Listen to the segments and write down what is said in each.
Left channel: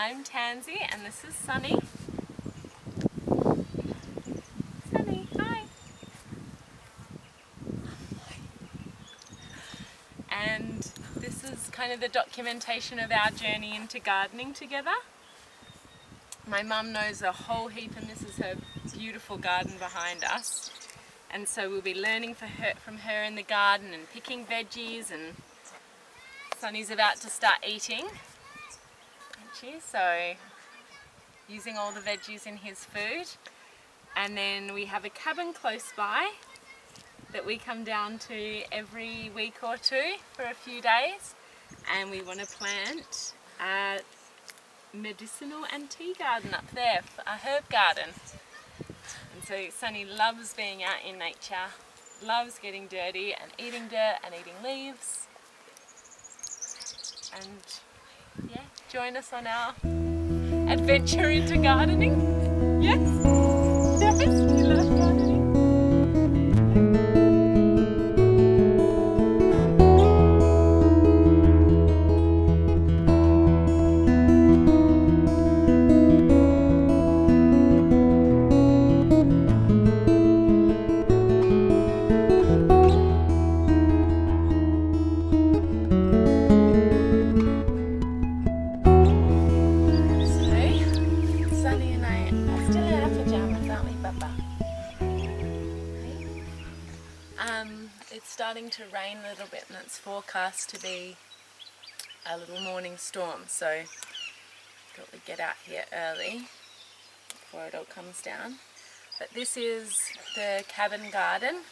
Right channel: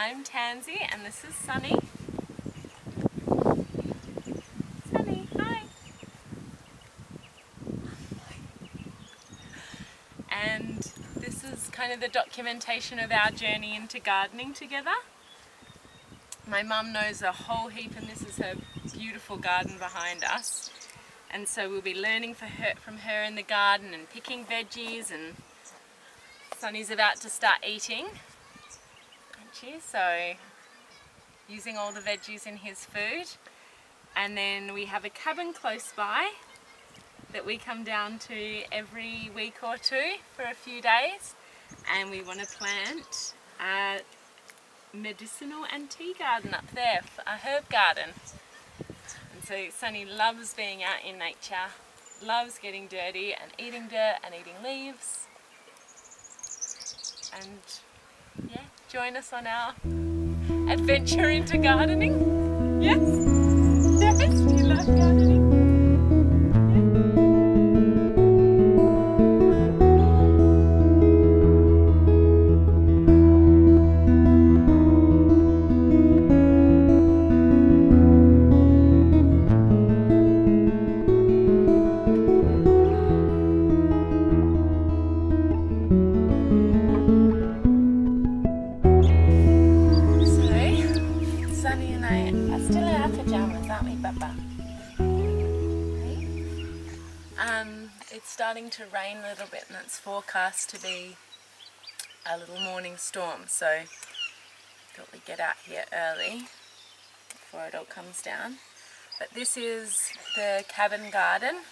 I'm Tansy and this is Sonny. Sonny, hi. And this is kind of the documentation of our journey into gardening together. My mum knows a whole heap and this is her beautiful garden behind us. And so we'll be learning from her in the garden and picking veggies, and Sonny's about to start eating, aren't you? So using all the veggies in his food. And then we have a cabin close by that we come down to every week or two for a few days, and we want to plant a medicinal and tea garden up there, a herb garden. And so Sonny loves being out in nature, loves getting dirty and eating dirt and eating leaves. And yeah, join us on our adventure into gardening. Yes? Yes, do you love gardening? Sonny and I are still in our pajamas, aren't we, Papa? Hey? It's starting to rain a little bit and it's forecast to be a little morning storm, so thought we'd get out here early before it all comes down. But this is the cabin garden,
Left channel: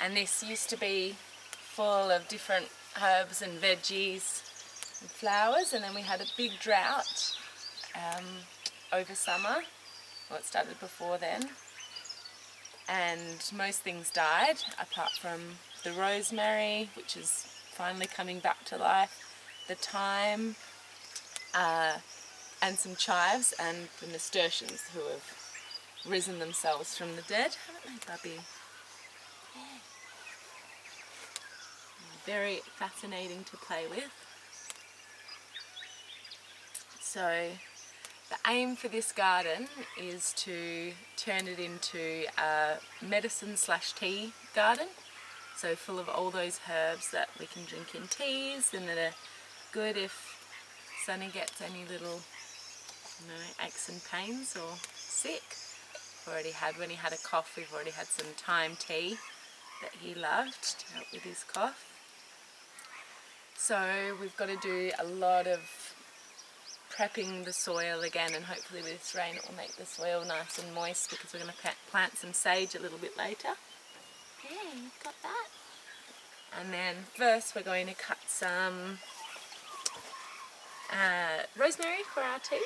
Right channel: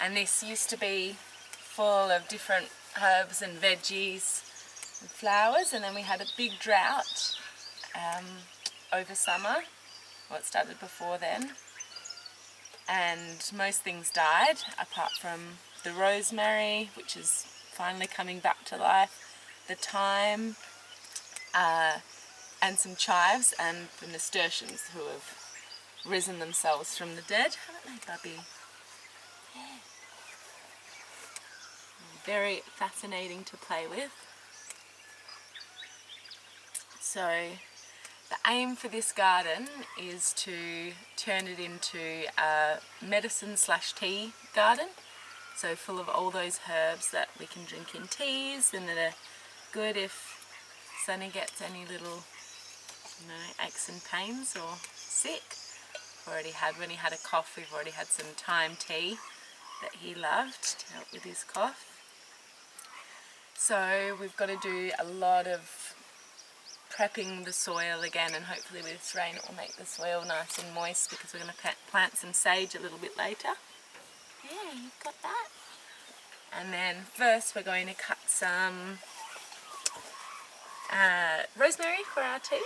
and this used to be full of different herbs and veggies and flowers, and then we had a big drought over summer. Well, it started before then, and most things died apart from the rosemary, which is finally coming back to life, the thyme, and some chives, and the nasturtiums, who have risen themselves from the dead, haven't they, Bubby? Yeah. Very fascinating to play with. So the aim for this garden is to turn it into a medicine/tea garden, so full of all those herbs that we can drink in teas and that are good if Sonny gets any little, aches and pains or sick. Already had, when he had a cough, we've already had some thyme tea that he loved to help with his cough. So we've got to do a lot of prepping the soil again, and hopefully with this rain it will make the soil nice and moist, because we're going to plant some sage a little bit later. Yeah, you've got that. And then first we're going to cut some rosemary for our tea.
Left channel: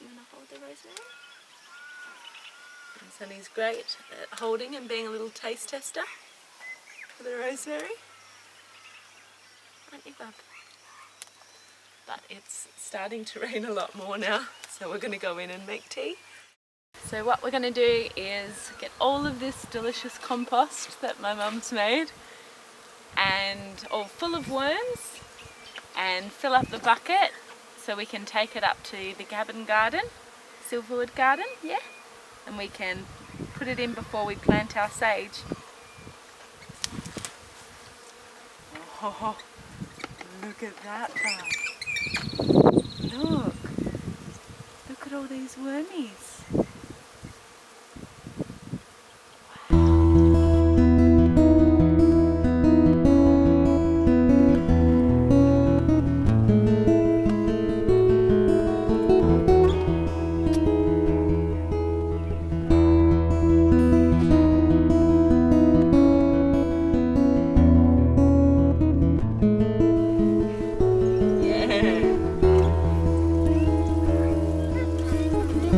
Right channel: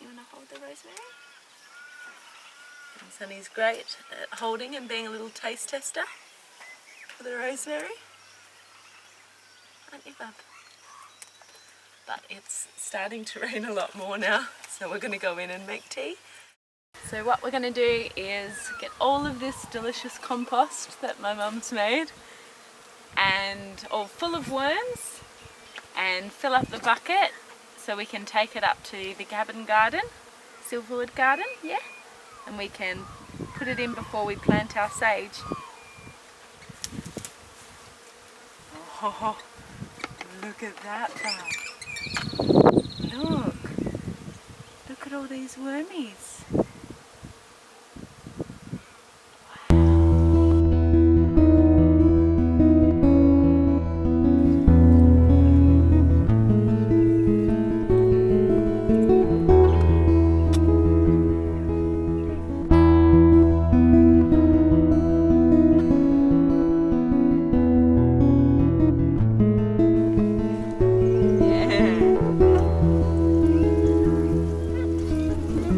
You want to hold the rosemary? And Sonny's great at holding and being a little taste tester for the rosemary. Aren't you, Bub? But it's starting to rain a lot more now, so we're going to go in and make tea. So what we're going to do is get all of this delicious compost that my mum's made, and all full of worms, and fill up the bucket so we can take it up to the cabin garden, Silverwood garden, yeah? And we can put it in before we plant our sage. Oh, look at that, Bub. Look at all these wormies.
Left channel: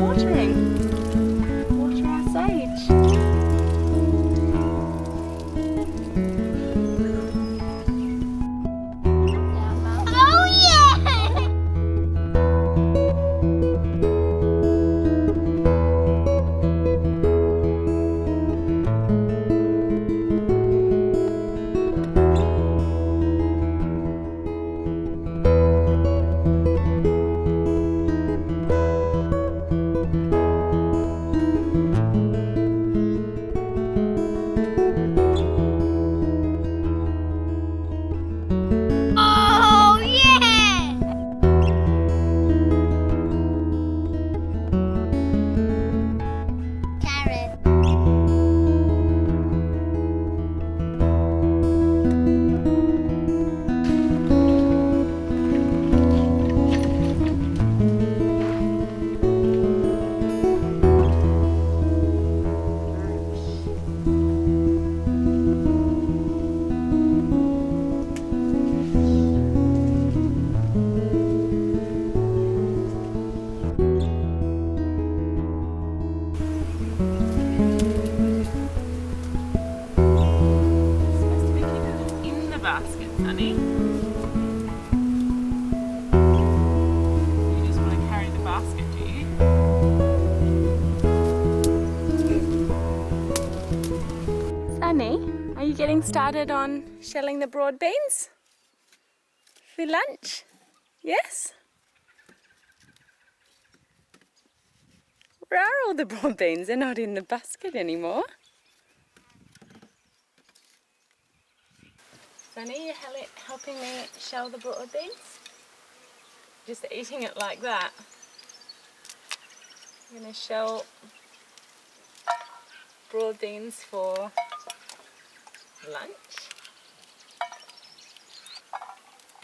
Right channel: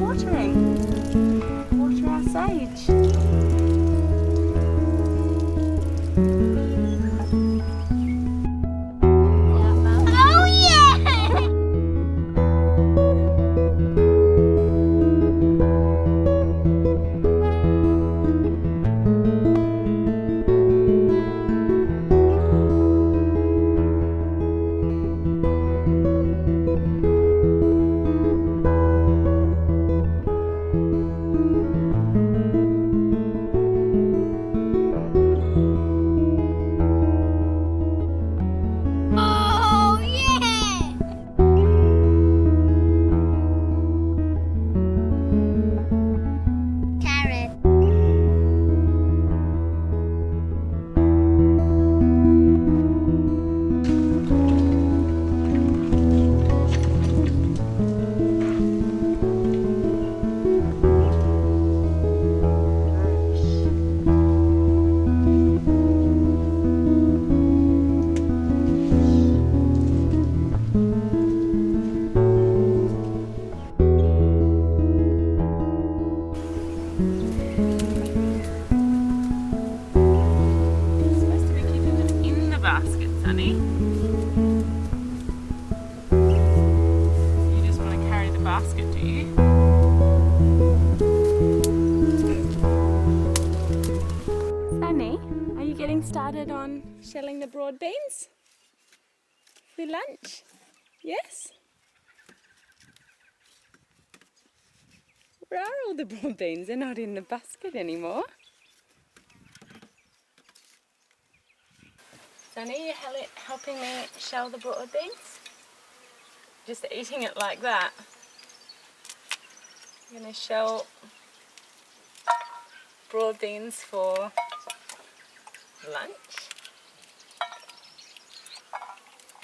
Watering. Sonny. You just want to carry the basket, do you? Sonny, are you getting started on shelling the broad beans for lunch? Yes? Where are all the broad beans? They're not in the basket anymore. Sonny, you helping me shell the broad beans? Just eating it like that. I'm going to shell broad beans for lunch.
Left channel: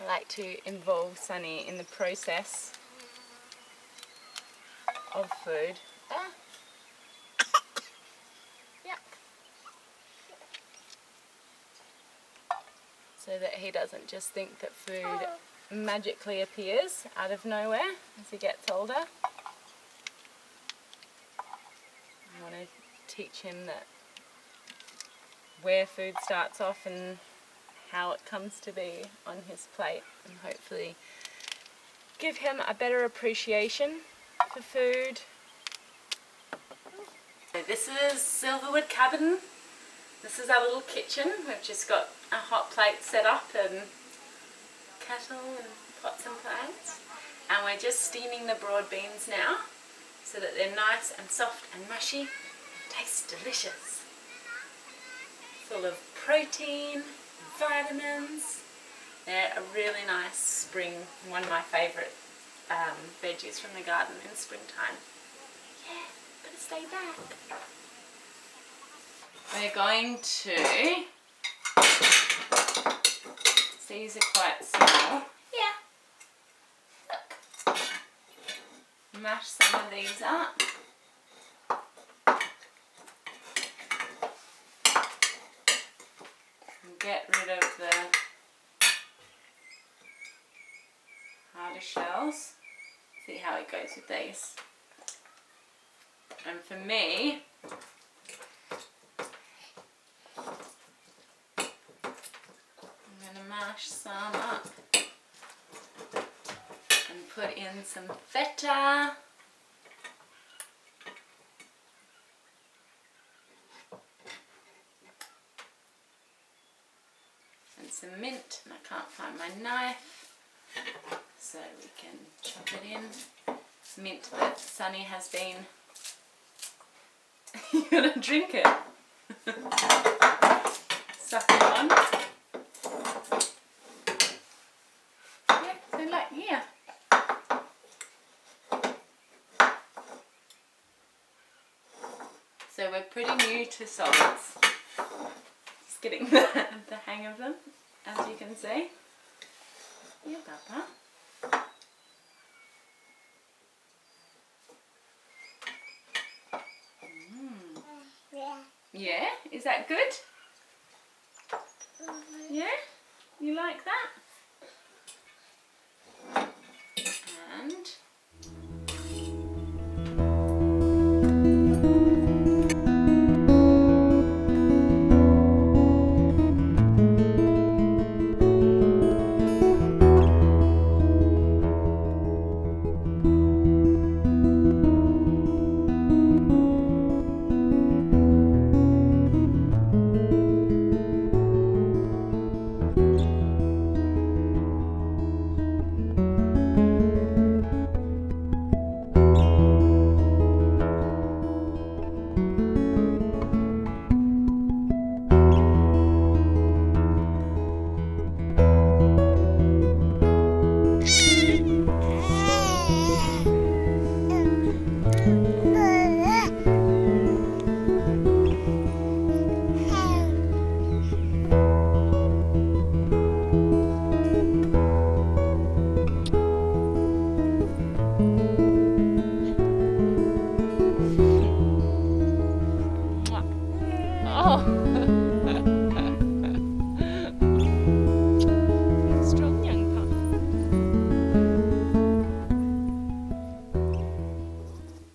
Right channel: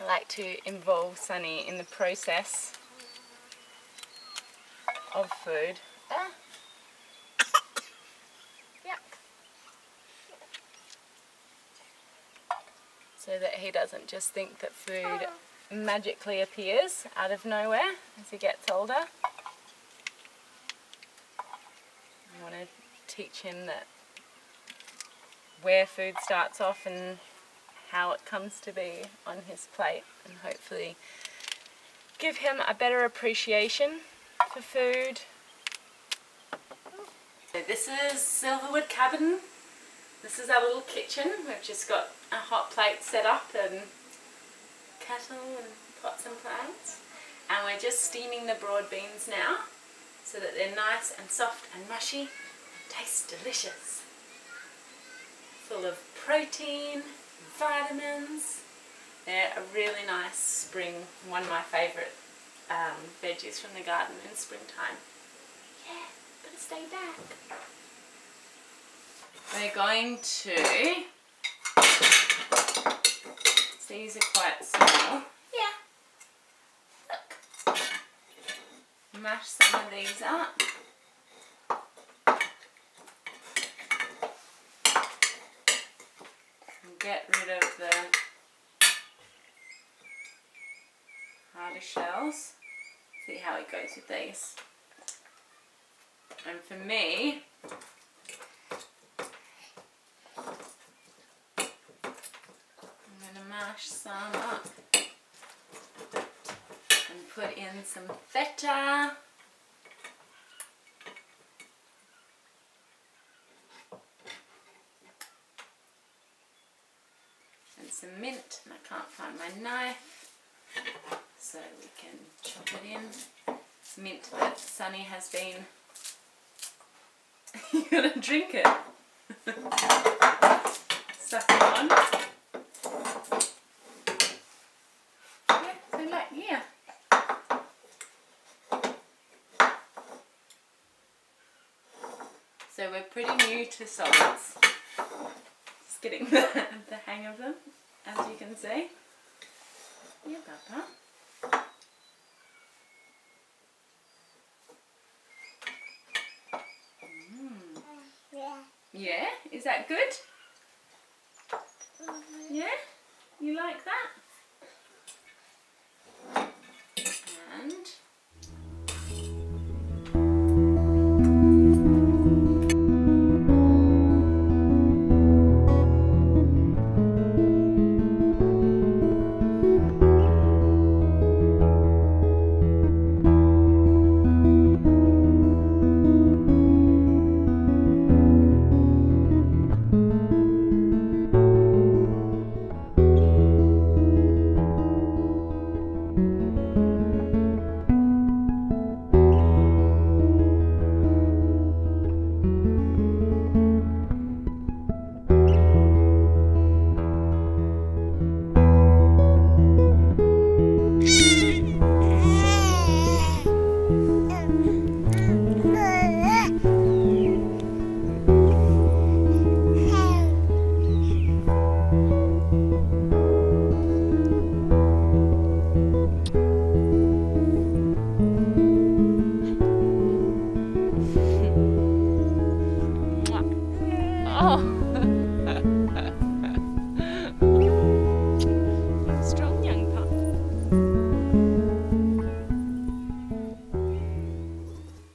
I like to involve Sonny in the process of food. Yuck. So that he doesn't just think that food magically appears out of nowhere as he gets older. I want to teach him that where food starts off and how it comes to be on his plate, and hopefully give him a better appreciation for food. So this is Silverwood Cabin. This is our little kitchen. We've just got a hot plate set up and kettle and pots and pans, and we're just steaming the broad beans now so that they're nice and soft and mushy and taste delicious. Full of protein, vitamins. They're a really nice spring, one of my favourite veggies from the garden in springtime. Yeah, gotta stay back. We're going to, these are quite small. Yeah. Look. Mash some of these up. And get rid of the harder shells. See how it goes with these. And for me, I'm going to mash some up and put in some feta. And some mint, and I can't find my knife, so we can chop it in. Mint that Sonny has been... You're gonna drink it. Suck it on. Yeah, so like, yeah. So we're pretty new to solids. Just getting the hang of them, as you can see. Yeah, Papa. Yeah, is that good? Yeah? You like that? And